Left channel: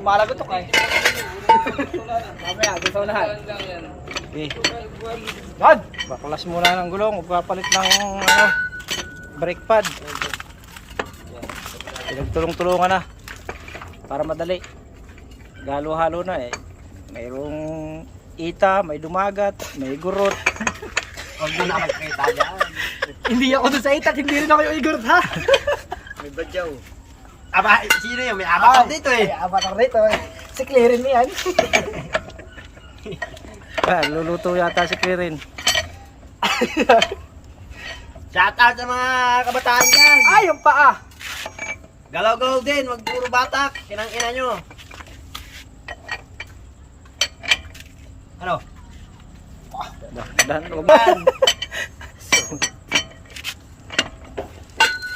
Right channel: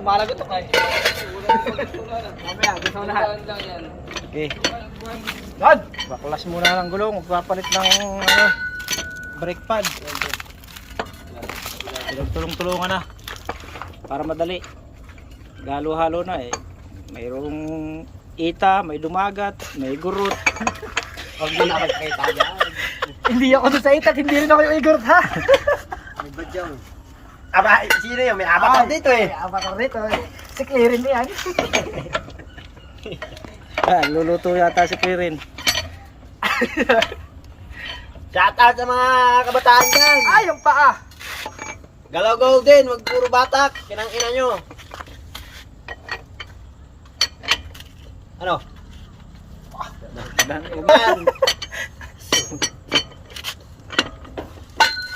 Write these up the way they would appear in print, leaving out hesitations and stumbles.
Malagot to kay. Mamaya, gusto ko lahat. Okay. God! Baklas muna ng gulong. Magpapalit ng brake pad. Pinagtulong-tulungan na. Para madali. Galo-halo na eh. Mayroong ita, may dumagat, may gurot. Huwag mo na kita dyan. Hindi ako doon sa itat, hindi rin ako yung igor ha. May badyaw. Aba, sino yun? May avatar dito eh. May avatar dito eh. Si Claren yan. Luluto yata si Claren. Shout out sa mga kabataan dyan. Ay, yung paa. Galaw-galaw din, wag puro batak. Kinang ina nyo. Ano? Dan, Yan.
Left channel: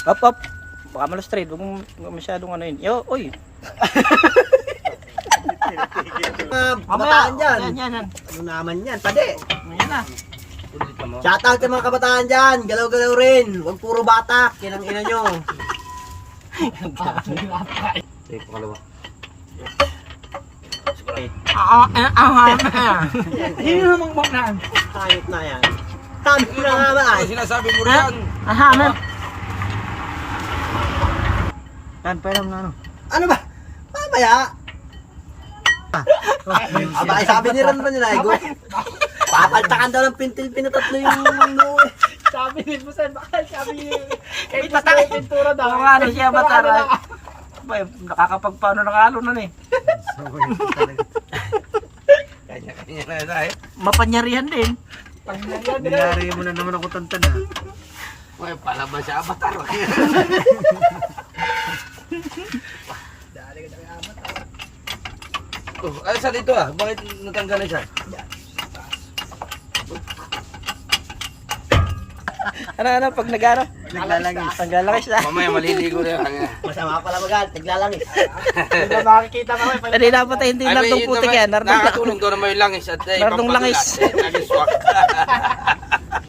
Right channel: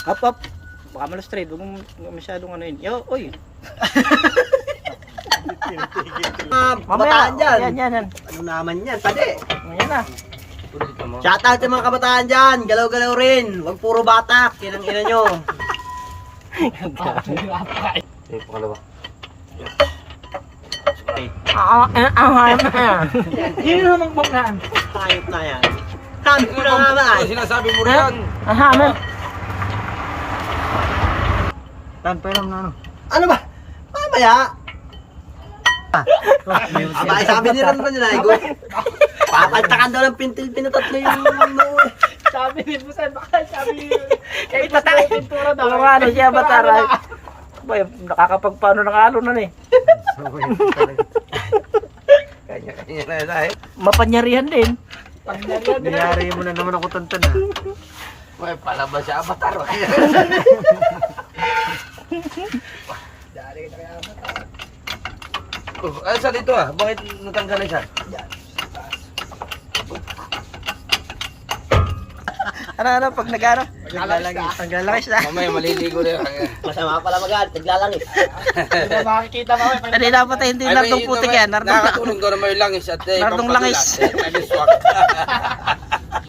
up, up. Baka malustrade. Huwag mo masyadong ano yun. Yo, oy. Mga kabataan dyan. Yan. Ano naman yan? Pwede. Yan na. Shout out sa mga kabataan dyan. Galaw-galaw rin. Wag puro batak. Kinang ina nyo. Hindi naman magnaan. Ayot na yan. Sabi ko na nga ba ay. Sinasabi mo rin. Ano? Dan, peram na ano. Ano ba? Mamaya. Aba, ay sabi ni Ron yun ay go. Papaltakan daw ng pintil pinatatlo yung noo. Sabi ni Busan, baka sabi ni... Kaya patay. Pintura daw. Oo nga na siya, batara. Boy, nakakapagpaano ng halo na eh. Mapanyarihan din. Niyari mo na naman ako tantan ha. Uy, palabas siya avatar. Ay, sa dito ah. Bakit natanggal siya? Ano, pag nag-ano? Naglalangis. Naglalakis na. Mamaya maliligo rin. Masama pala mag-aal. Naglalangis. Hindi makikita kami. Hindi dapat ay hindi nardong putik yan. Nakatulog daw na may langis at Nardong langis. Langis.